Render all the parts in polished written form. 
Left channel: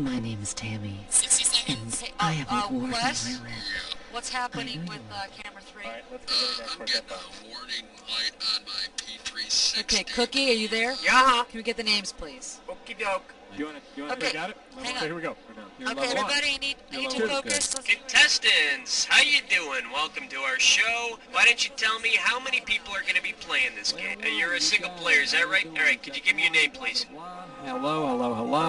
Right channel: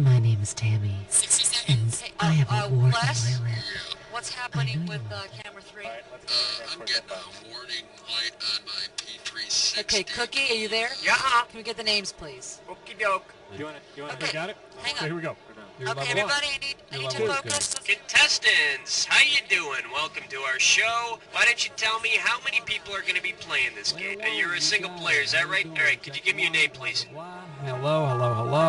My name is Tammy, 60 and seconds. I have a wart on Les, my lip. what's happening with will. camera 3? Alright, let's go to the next I'm one. getting a warning light on my P360. Okay, Cookie, are you there? Yeah. Can we get the names, please? Okie doke. You wanna? Okay. Got it? Hang Okay, on. here we go. You're Okay, level one. everybody, I need to level one. focus. Contestants, how you doing? Welcome to our show. Why don't you tell me how many people are going to be playing this game? You're a single player, is that right? All right, could you give me your name, please? Hello, hello, hello.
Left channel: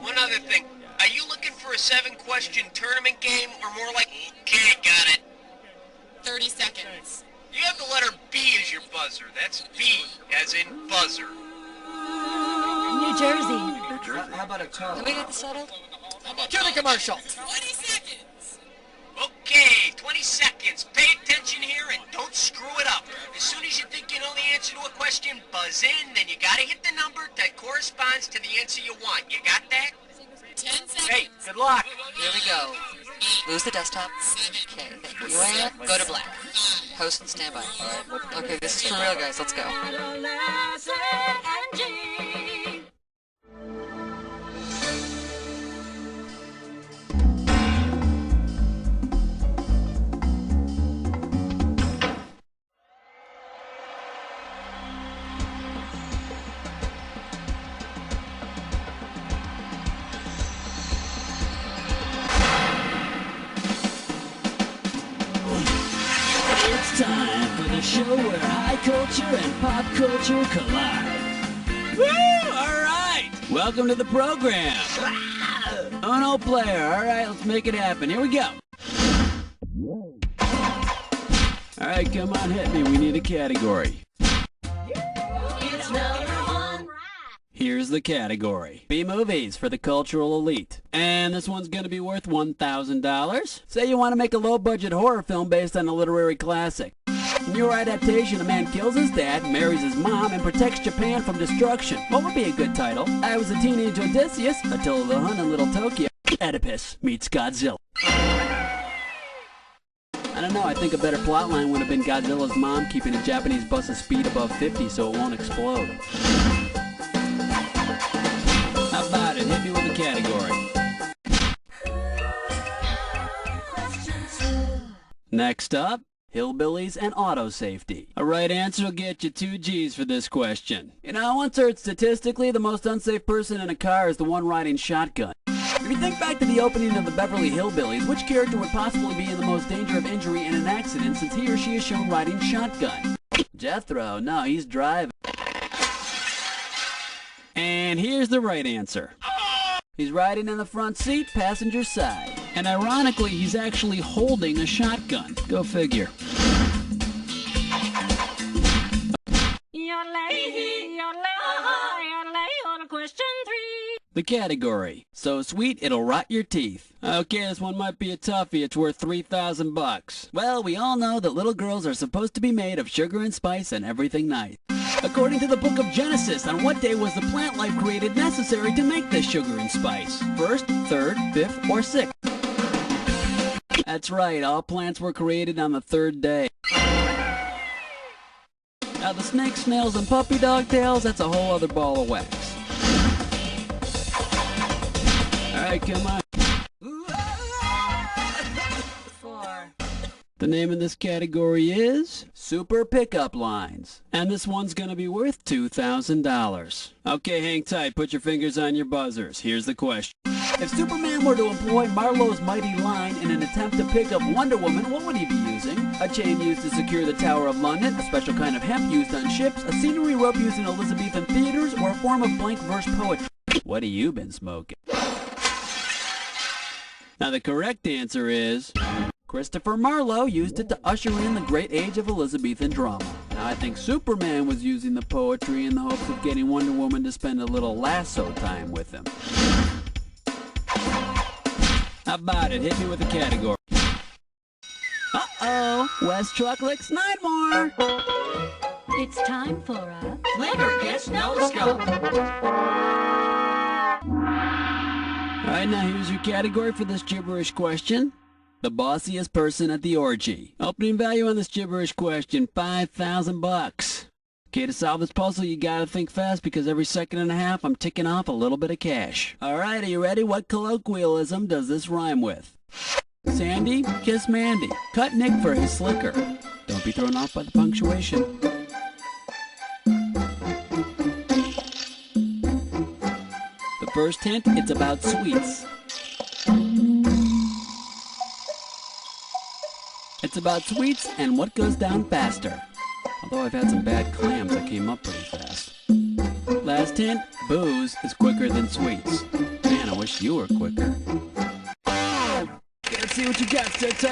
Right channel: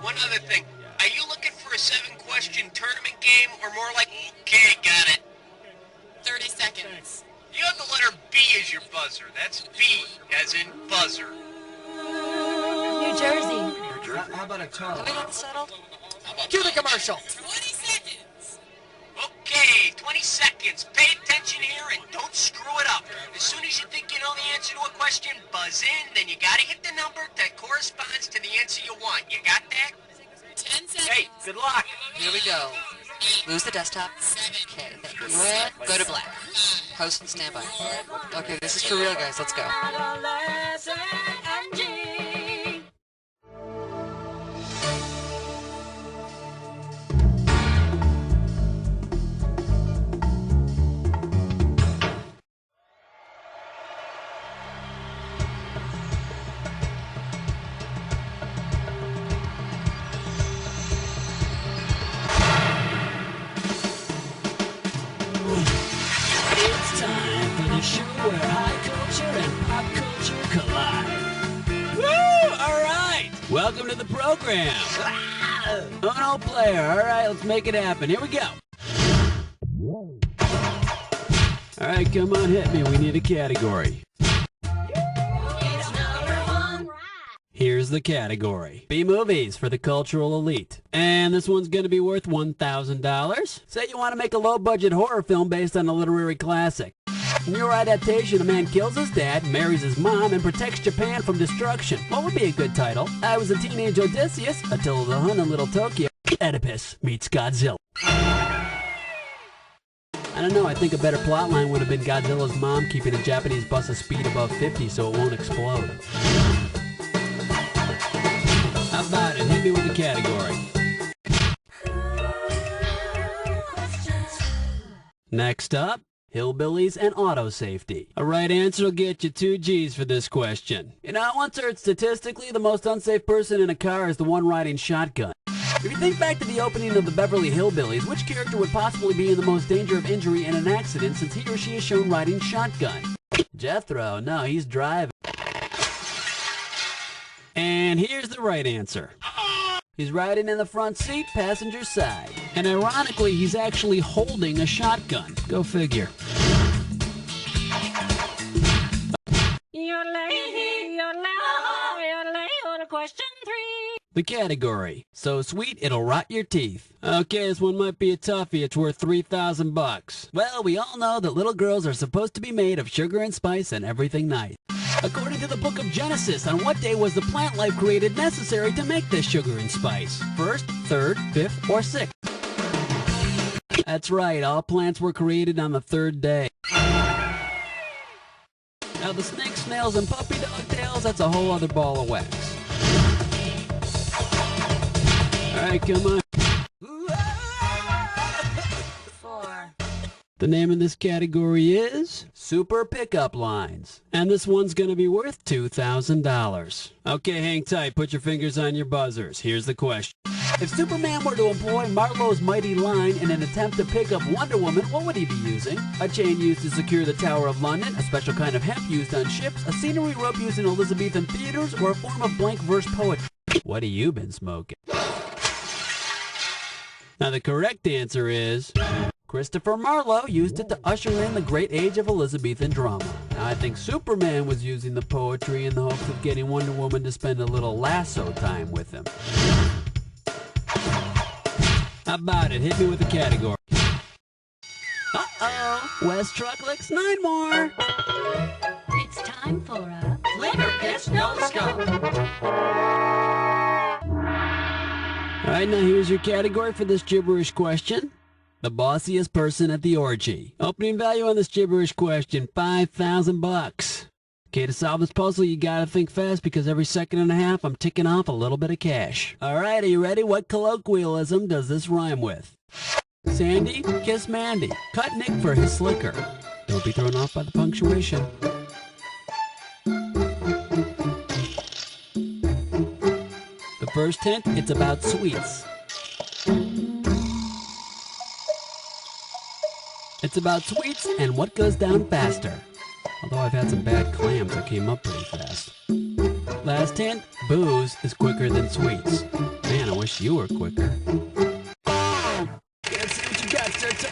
One other thing, are you looking for a 7-question tournament game, or more like, okay, got it? 30 seconds. You have the letter B as your buzzer. That's B, as in buzzer. New Jersey. How about a toe? Have we got this settled? How about Cue the that? commercial. 20 seconds. Okay, 20 seconds. Pay attention here and don't screw it up. As soon as you think you know the answer to a question, buzz in, then you gotta hit the number that corresponds to the answer you want. You got that? 10 seconds. Hey, good luck. Here we go. Lose the desktop. 7. Okay, thank you. And go to black. Host and standby. Okay, this is for real, guys. Let's go. It's time for the show where high culture and pop culture collide. Woo! All right. Welcome to the program. Uno player. All right, let's make it happen. Here we go. All right, come on, hit me. We need a category. Here's the category. B-movies for the cultural elite. And this one's going to be worth $1,000. Say you want to make a low-budget horror film based on a literary classic. In your adaptation, a man kills his dad, marries his mom, and protects Japan from destruction. What would be a good title? I Was a Teenage Odysseus, Attila the Hun in Little Tokyo, Oedipus meets Godzilla. I don't know, I think a better plotline would have been Godzilla's mom keeping a Japanese bus's speed above 50 so it won't explode. How about it? Hit me with a category. Next up, hillbillies and auto safety. A right answer will get you 2 G's for this question. You know, I once heard statistically the most unsafe person in a car is the one riding shotgun. If you think back to the opening of the Beverly Hillbillies, which character would possibly be in the most danger of injury in an accident since he or she is shown riding shotgun? Jethro, no, he's driving. And here's the right answer. He's riding in the front seat, passenger side. And ironically, he's actually holding a shotgun. Go figure. Question 3. The category. So sweet, it'll rot your teeth. Okay, this one might be a toughie. It's worth $3,000. Well, we all know that little girls are supposed to be made of sugar and spice and everything nice. According to the book of Genesis, on what day was the plant life created necessary to make this sugar and spice? First, third, fifth, or sixth? That's right, all plants were created on the 3rd day. Now the snakes, snails, and puppy dog tails, that's a whole other ball of wax. Alright, come on. 4. The name of this category is Super Pickup Lines. And this one's going to be worth $2,000. Okay, hang tight. Put your fingers on your buzzers. Here's the question. If Superman were to employ Marlowe's mighty line in an attempt to pick up Wonder Woman, what would he be using? A chain used to secure the Tower of London, a special kind of hemp used on ships, a scenery rope used in Elizabethan theaters, or a form of blank verse poetry? What have you been smoking? Now the correct answer is Christopher Marlowe used it to usher in the great age of Elizabethan drama. Now I think Superman was using the poetry in the hopes of getting Wonder Woman to spend a little lasso time with him. How about it? Hit me with a category. Uh-oh! West Trucklicks, 9 more! It's time for a Liver Pitch No Scope. Alright, now here's your category for this gibberish question. The bossiest person at the orgy. Opening value on this gibberish question, $5,000. Okay, to solve this puzzle, you gotta think fast because every second and a half, I'm ticking off a little bit of cash. All right, are you ready? What colloquialism does this rhyme with? Sandy, kiss Mandy. Cut Nick for his slicker. Don't be thrown off by the punctuation. The first hint, it's about sweets. It's about sweets and what goes down faster. Although I've had some bad clams that came up pretty fast. Last hint, booze is quicker than sweets. Man, I wish you were quicker. Let's see what you got, sir.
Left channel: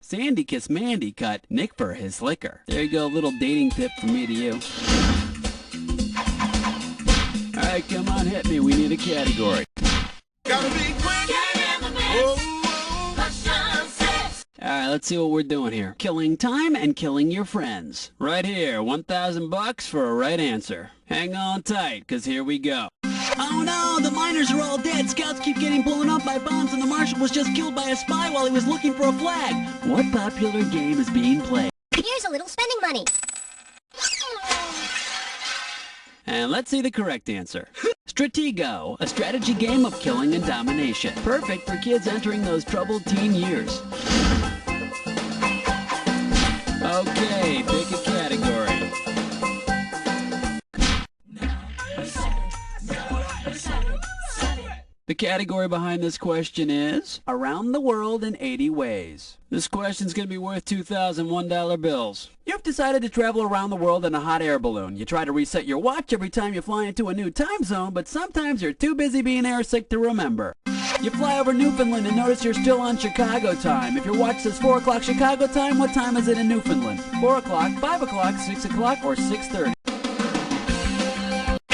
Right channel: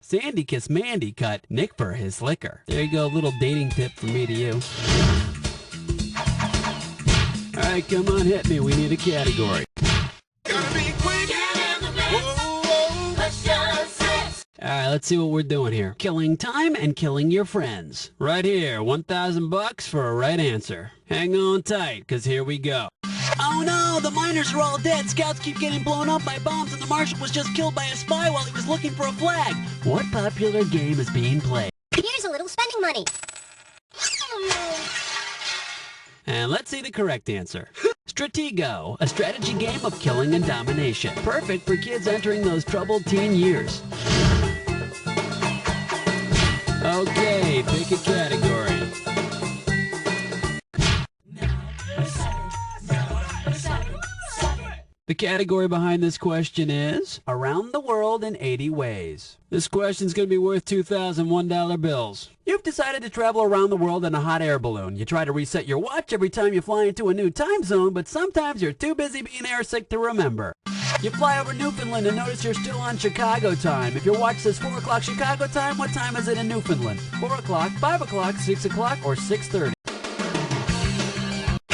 Sandy kissed Mandy, cut Nick for his slicker. There you go, a little dating tip from me to you. All right, come on, hit me. We need a category. Gotta be quick. Whoa, whoa. Question 6. All right, let's see what we're doing here. Killing time and killing your friends. Right here, $1,000 for a right answer. Hang on tight, because here we go. Oh no, the miners are all dead. Scouts keep getting blown up by bombs, and the marshal was just killed by a spy while he was looking for a flag. What popular game is being played? Here's a little spending money. And let's see the correct answer. Stratego, a strategy game of killing and domination. Perfect for kids entering those troubled teen years. Okay, pick a category. The category behind this question is Around the World in 80 Ways. This question's going to be worth $2,001 bills. You've decided to travel around the world in a hot air balloon. You try to reset your watch every time you fly into a new time zone, but sometimes you're too busy being airsick to remember. You fly over Newfoundland and notice you're still on Chicago time. If your watch says 4 o'clock Chicago time, what time is it in Newfoundland? 4 o'clock, 5 o'clock, 6 o'clock, or 6:30?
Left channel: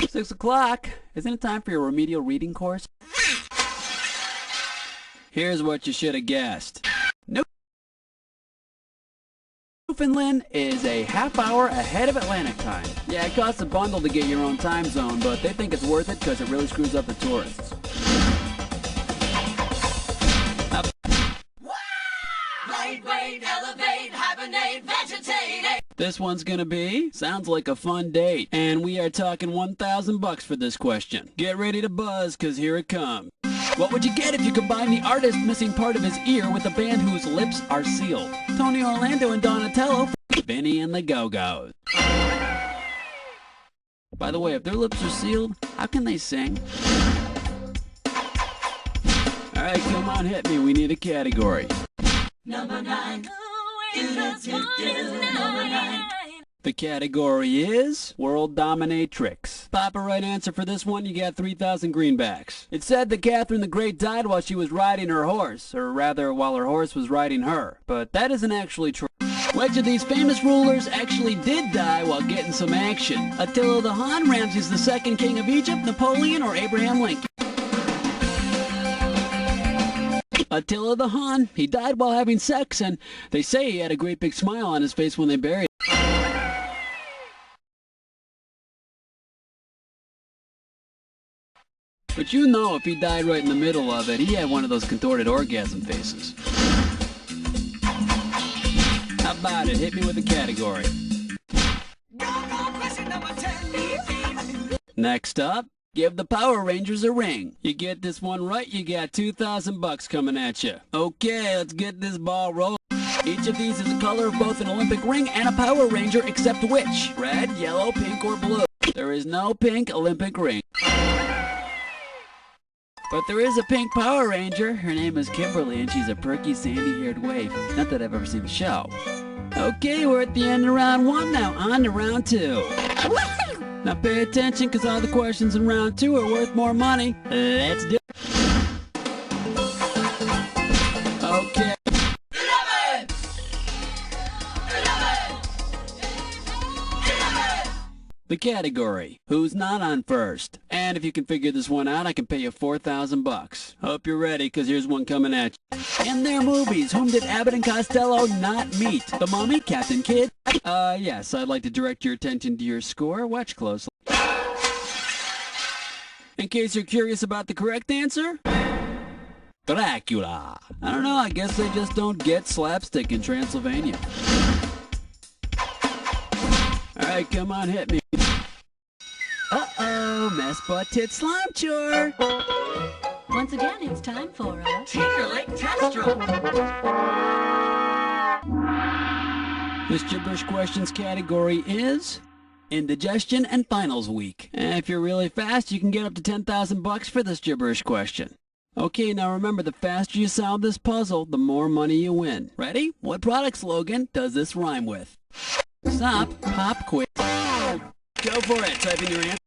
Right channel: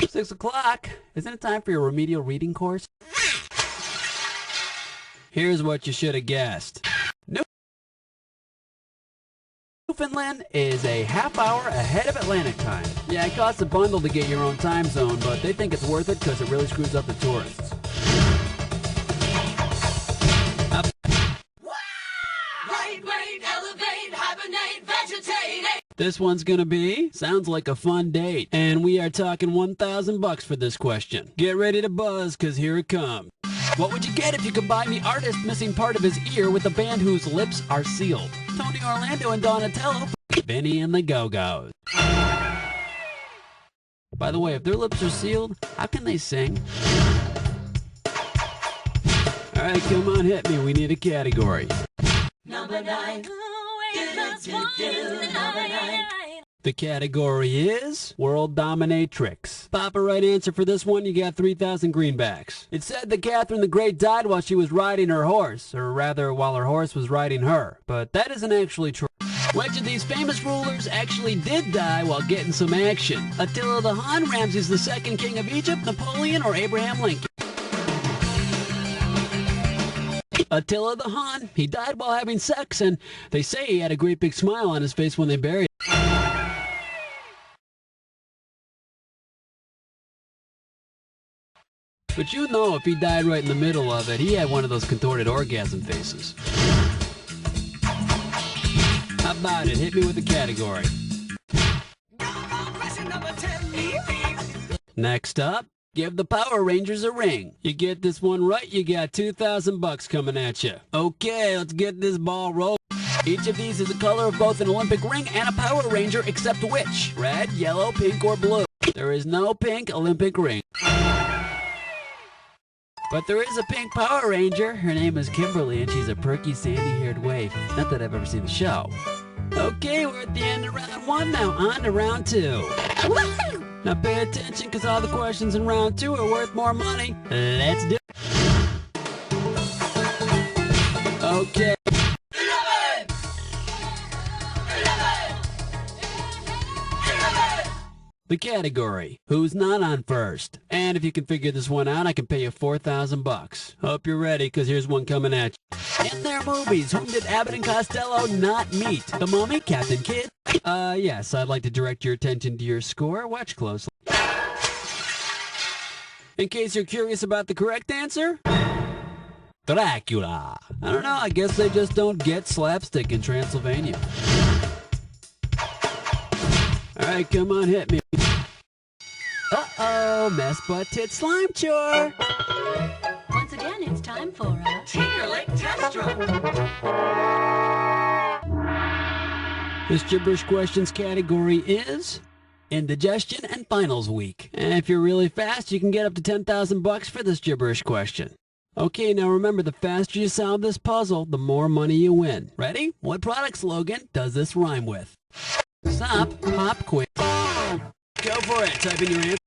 6 o'clock. Isn't it time for your remedial reading course? Here's what you should have guessed. Newfoundland is a half hour ahead of Atlantic time. Yeah, it costs a bundle to get your own time zone, but they think it's worth it because it really screws up the tourists. Lightweight, elevate, hibernate, vegetate. This one's gonna be, sounds like a fun date. And we are talking $1,000 for this question. Get ready to buzz, cause here it comes. What would you get if you combined the artist missing part of his ear with a band whose lips are sealed? Tony Orlando and Donatello, Vinny and the Go-Go's. By the way, if their lips are sealed, how can they sing? All right, come on, hit me. We need a category. Number 9. Number 9. The category is World Dominatrix. Pop a right answer for this one, you got 3,000 greenbacks. It's said that Catherine the Great died while she was riding her horse, or rather while her horse was riding her. But that isn't actually true. Which of these famous rulers actually did die while getting some action? Attila the Hun, Ramses II, King of Egypt, Napoleon, or Abraham Lincoln? Attila the Hun. He died while having sex, and they say he had a great big smile on his face when they buried him. But you know if he died right in the middle of it, he had one of those contorted orgasm faces. How about it? Hit me with a category. Next up, give the Power Rangers a ring. You get this one right, you got $2,000 coming at you. Okay, let's get this ball rolling. Each of these is the color of both an Olympic ring and a Power Ranger, except which? Red, yellow, pink, or blue? There is no pink Olympic ring. But there is a pink Power Ranger. Her name is Kimberly, and she's a perky, sandy-haired waif. Not that I've ever seen the show. Okay, we're at the end of round 1 now. On to round 2. Now pay attention, because all the questions in round 2 are worth more money. Let's do it. Okay. 11. The category, who's not on first? And if you can figure this one out, I can pay you $4,000. Hope you're ready, because here's one coming at you. In their movies, whom did Abbott and Costello not meet? The Mummy, Captain Kidd? Yes, I'd like to direct your attention to your score. Watch closely. In case you're curious about the correct answer, Dracula. I don't know, I guess they just don't get slapstick in Transylvania. Alright, come on, hit me. Uh-oh, mess butt tit slime chore. Once again, it's time for a Tinkerlick test drum. This gibberish questions category is indigestion and finals week. And if you're really fast, you can get up to 10,000 bucks for this gibberish question. Okay, now remember, the faster you solve this puzzle, the more money you win. Ready? What product slogan does this rhyme with? Stop, pop, quiz. Go for it. Type in your answer.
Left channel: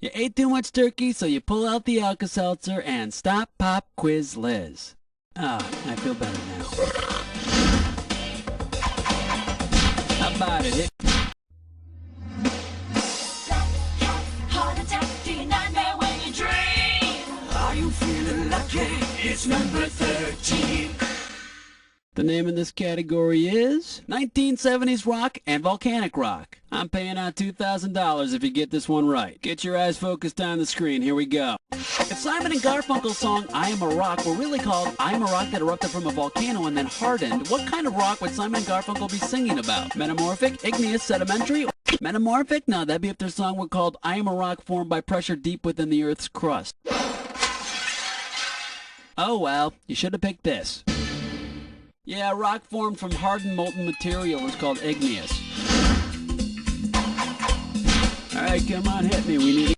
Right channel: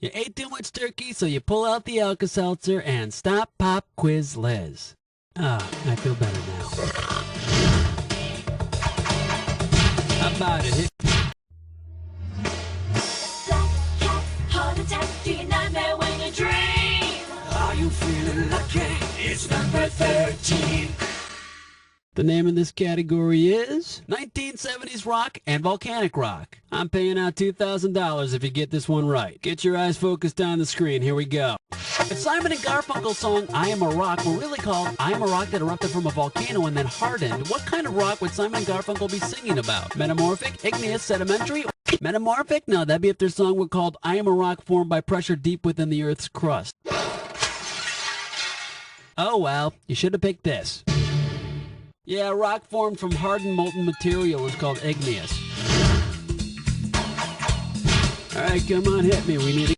You ate too much turkey, so you pull out the Alka-Seltzer and stop, pop, quiz, Liz. Ah, I feel better now. How about it? Hit. Black cat, heart attack, do you nightmare when you dream? Are you feeling lucky? It's number 13. The name of this category is 1970s rock and volcanic rock. I'm paying out $2,000 if you get this one right. Get your eyes focused on the screen. Here we go. If Simon and Garfunkel's song I Am a Rock were really called I Am a Rock That Erupted from a Volcano and Then Hardened, what kind of rock would Simon and Garfunkel be singing about? Metamorphic, igneous, sedimentary? Metamorphic? No, that'd be if their song were called I Am a Rock Formed by Pressure Deep Within the Earth's Crust. Oh well, you should have picked this. Yeah, rock formed from hardened molten material is called igneous. Alright, come on, hit me. We need a...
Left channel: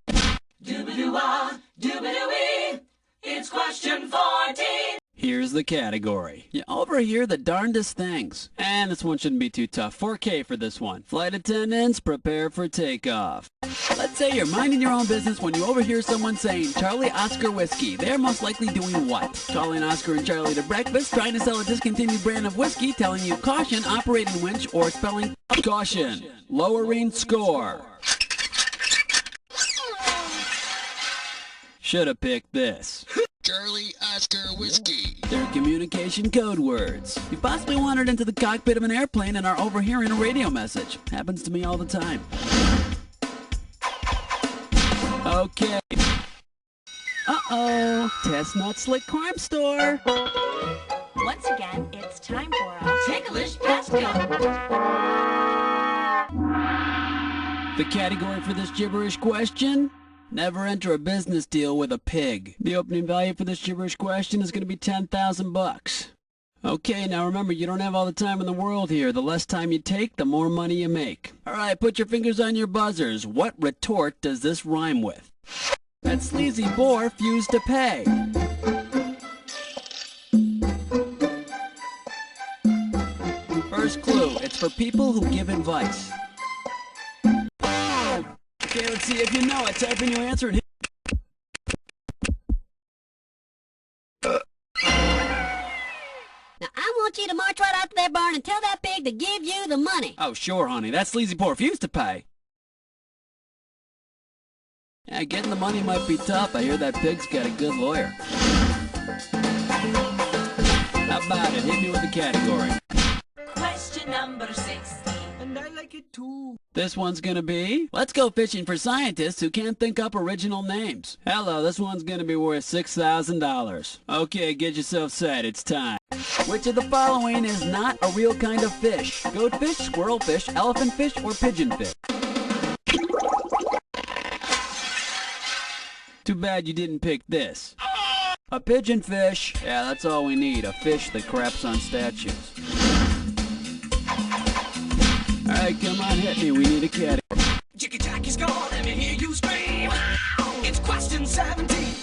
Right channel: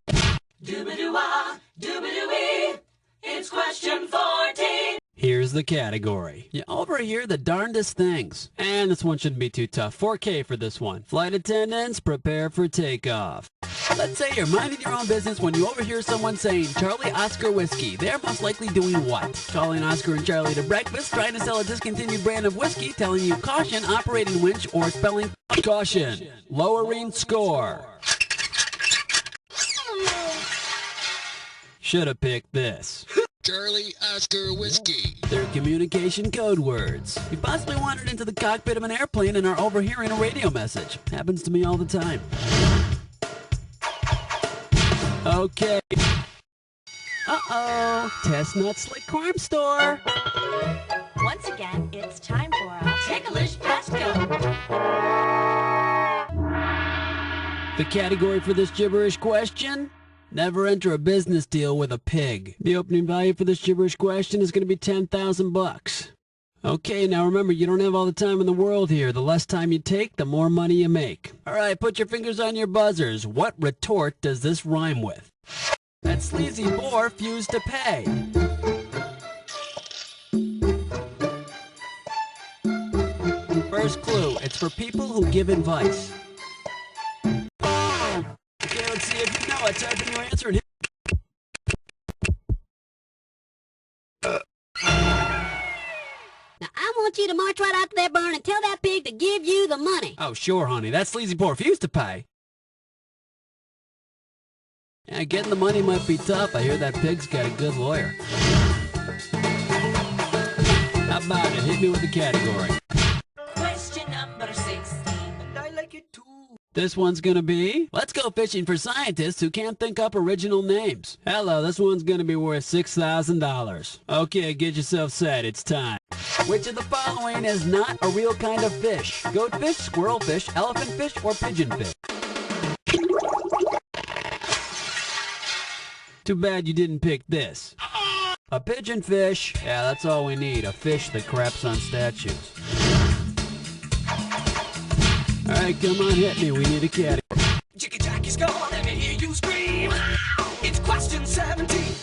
Doobadoo-wah, doobadoo-wee. It's question 14. Here's the category. You overhear the darndest things. And this one shouldn't be too tough. 4K for this one. Flight attendants, prepare for takeoff. Let's say you're minding your own business when you overhear someone saying Charlie Oscar whiskey. They're most likely doing what? Calling Oscar and Charlie to breakfast, trying to sell a discontinued brand of whiskey, telling you caution, operating winch, or spelling caution. Lowering score. Should have picked this. Charlie Oscar Whiskey. They're communication code words. You possibly wandered into the cockpit of an airplane and are overhearing a radio message. Happens to me all the time. Okay. Uh-oh. Chestnut Slick Crime Store. Once again, it's time for a Ticklish pest gun. The category for this gibberish question? Never enter a business deal with a pig. The opening value for this gibberish question is going to be 10,000 bucks. Okay, now remember, you don't have all the time in the world here. The less time you take, the more money you make. Alright, put your fingers on your buzzers. What retort does this rhyme with? That sleazy bore refused to pay. First clue, it's for people who give advice. Okay, let's see if you know it. Type in your answer and hit. Now, I want you to march right out to that barn and tell that pig to give you the money. Oh, sure, honey. That sleazy poor refused to pay. Yeah, getting the money might be tough. I hear that pig's got a good lawyer. How about it? Hit me with the category. Question number 16. And I like it too. This one's gonna be, let's go fishing for scientists who can't think up original names. Hello, this one's gonna be worth $6,000. Okay, get yourself set, it's time. Which of the following is not a real kind of fish? Goatfish, squirrelfish, elephantfish, or pigeonfish? Too bad you didn't pick this. A pigeonfish. Yeah, that's all we need, a fish that craps on statues. Alright, come on, hit me. We need a category. Jiggy Jackie's gone, let me hear you scream. It's question 17.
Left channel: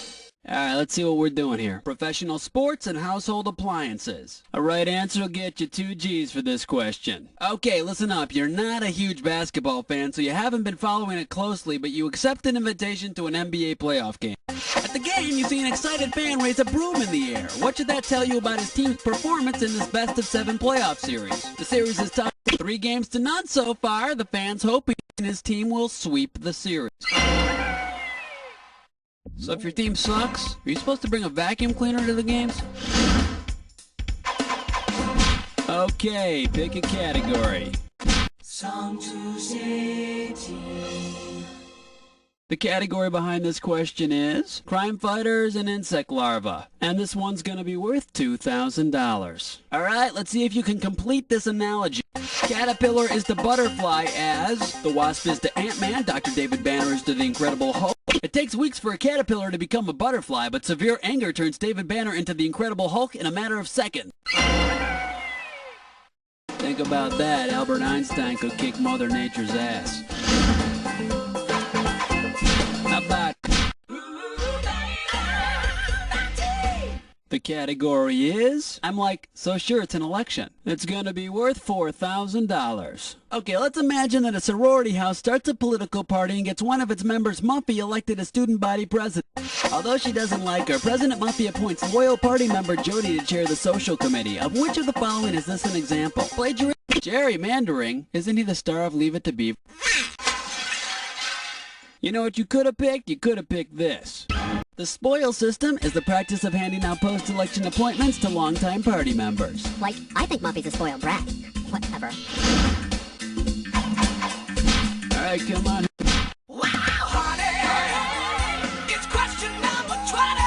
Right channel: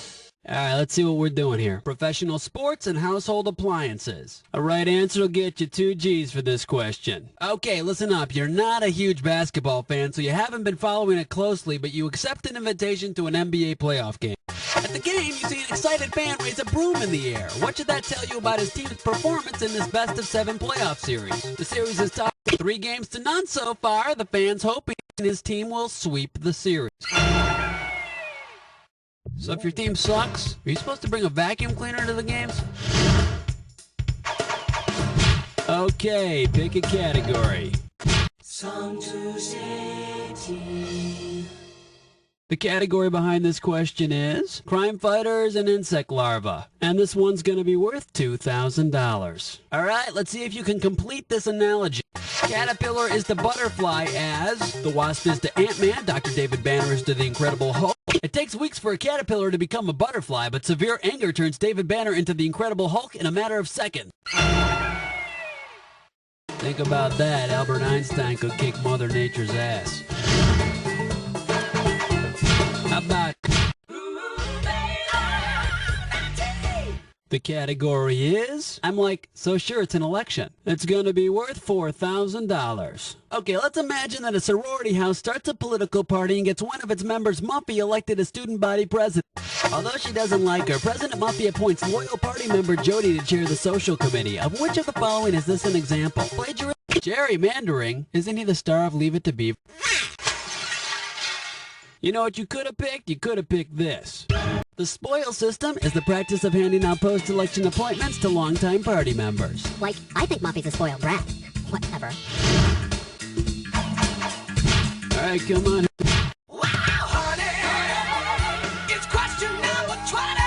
Alright, let's see what we're doing here. Professional sports and household appliances. A right answer will get you 2 G's for this question. Okay, listen up. You're not a huge basketball fan, so you haven't been following it closely, but you accept an invitation to an NBA playoff game. At the game, you see an excited fan raise a broom in the air. What should that tell you about his team's performance in this best-of-7 playoff series? The series is tied 3-0 so far. The fan's hoping his team will sweep the series. So if your team sucks, are you supposed to bring a vacuum cleaner to the games? Okay, pick a category. Song to City. The category behind this question is crime fighters and insect larvae. And this one's going to be worth $2,000. All right, let's see if you can complete this analogy. Caterpillar is the butterfly as the wasp is to Ant-Man, Dr. David Banner is to the Incredible Hulk. It takes weeks for a caterpillar to become a butterfly, but severe anger turns David Banner into the Incredible Hulk in a matter of seconds. Think about that. Albert Einstein could kick Mother Nature's ass. How about the category is, I'm like, so sure it's an election. It's gonna be worth $4,000. Okay, let's imagine that a sorority house starts a political party and gets one of its members, Muffy, elected as student body president. Although she doesn't like her, President Muffy appoints loyal party member Jody to chair the social committee. Of which of the following is this an example? Plagiarism? Gerrymandering? Isn't he the star of Leave It to Beaver? You know what you could have picked? You could have picked this. The spoil system is the practice of handing out post-election appointments to longtime party members. Like, I think Muffy's a spoiled brat. Whatever. All right, come on. Wow, honey, it's question number 20.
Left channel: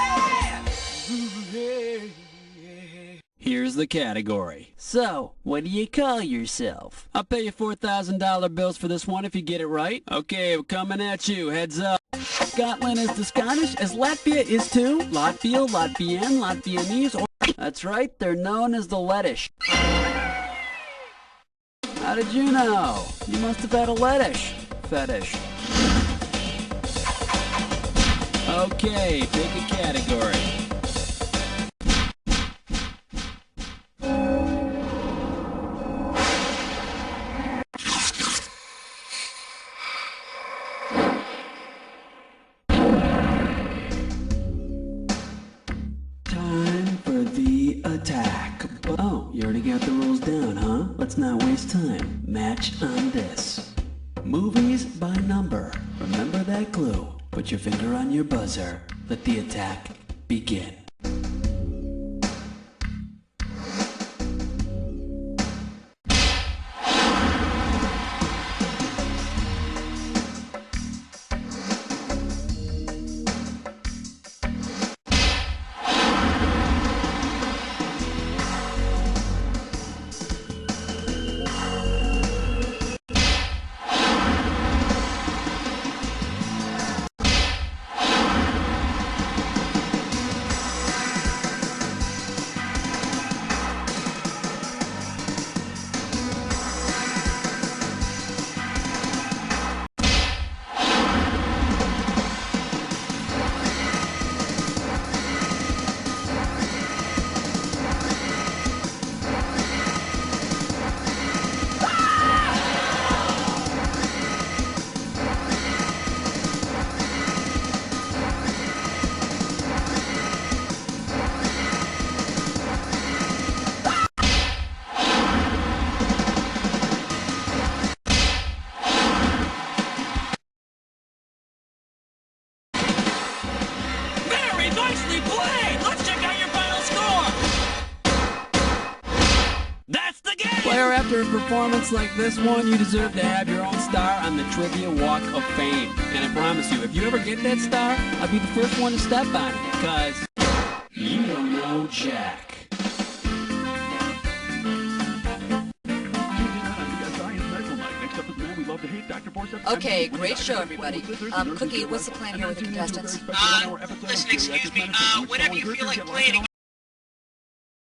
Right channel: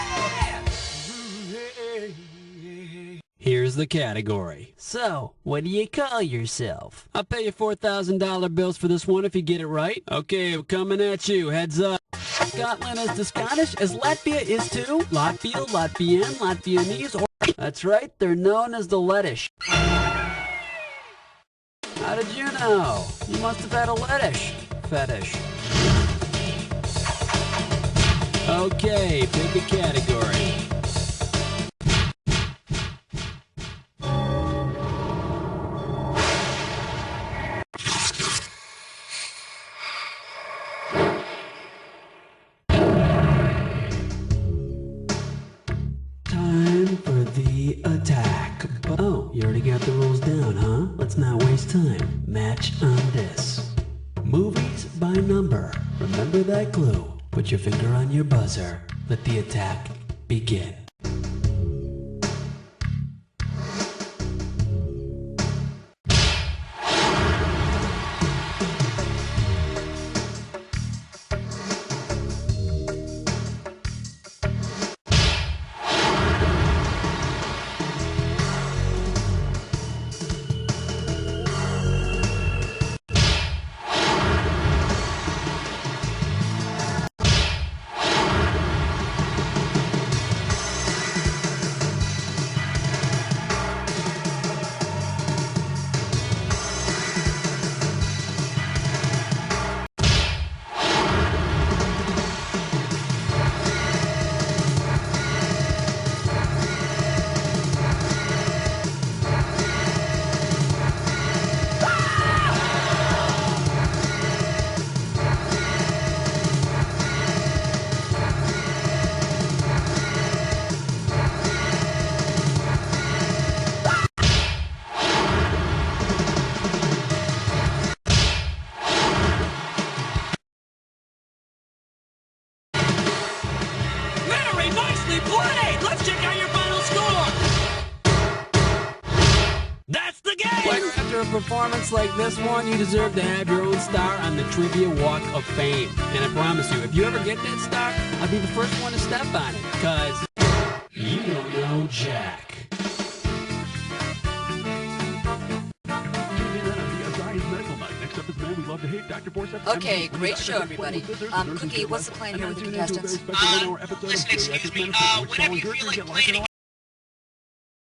Here's the category. So, what do you call yourself? I'll pay you $4,000 bills for this one if you get it right. Okay, we're coming at you. Heads up. Scotland is to Scottish as Latvia is to Latvial, Latvian, Latvianese, or... That's right, they're known as the Lettish. How did you know? You must have had a Lettish fetish. Okay, pick a category. For the attack. Oh, you already got the rules down, huh? Let's not waste time. Match on this. Movies by number. Remember that clue. Put your finger on your buzzer. Let the attack begin. Nicely played! Let's check out your final score! That's the game! Player, after a performance like this one, you deserve to have your own star on the Trivia Walk of Fame. And I promise you, if you ever get that star, I'll be the first one to step on it, because you don't know Jack. Okay, great show, everybody. Cookie, what's the plan here with the contestants? Listen, excuse me, whenever you feel like playing a